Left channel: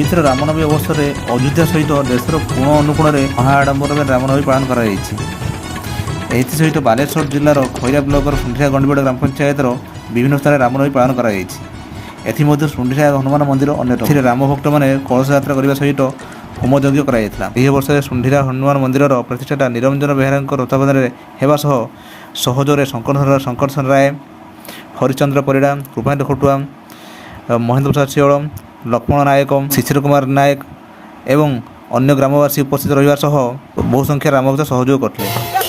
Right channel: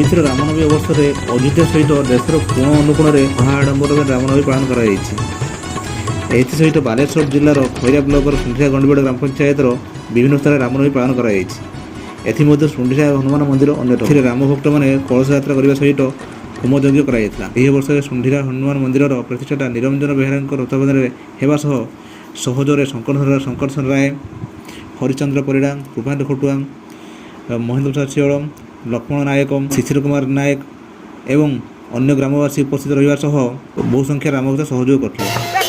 ପବିତ୍ର ରାମନବମୀ ଅବସରରେ ଅଯୋଧ୍ୟା ସହିତ ଦେଶର କୋଣ ଅନୁକୋଣରେ ମହା ଆଡ଼ମ୍ବରରେ ରାମନବମୀ ପାଳନ କରାଯାଇଛି। ଏଥିସହିତ ବାଲେଶ୍ୱର ଜିଲ୍ଲାର ଖଇରା ବ୍ଲକର ସୁଣ୍ଡିରା ଗଣ୍ଡିବଡ଼ ଗ୍ରାମ ପଞ୍ଚାୟତର ବିଭିନ୍ନ ସ୍ଥାନରେ ରାମନବମୀ ପାଳନ କରାଯାଇଛି। ଏଥିମଧ୍ୟରୁ ସୁଣ୍ଡିରା ହନୁମାନ ମନ୍ଦିର ଅନ୍ୟତମ। ଏଥିରେ ରାମ ଭକ୍ତମାନେ କଳସ ଯାତ୍ରା କରିବା ସହିତ ହୋମ ଯଜ୍ଞ କରାଯାଇଥିଲା। ଏହି ଅବସରରେ ସୁଣ୍ଡିରା ହନୁମାନ ମନ୍ଦିରର ପ୍ରତିଷ୍ଠାତା ନିରଞ୍ଜନ ବେହେରାଙ୍କ ତତ୍ତ୍ୱାବଧାନରେ ହେବା ସହ ସହଯୋଗରେ ଶଙ୍କର ରାୟ, ହରିଚନ୍ଦ୍ର ପରିଡ଼ା, କୃପାନ୍ତ ଖଟୁଆ, ମହେନ୍ଦ୍ର ପ୍ରସାଦ ଶିଅଳ, ଲକ୍ଷ୍ମଣ ନାୟକ, ଶିଶିର କୁମାର ନାୟକ ଏବଂ ଅନ୍ୟ ଗ୍ରାମବାସୀ ଉପସ୍ଥିତ ରହିବା ସହ ବହୁ ସଂଖ୍ୟାରେ ରାମଭକ୍ତ ସହଯୋଗ କରିଥିଲେ।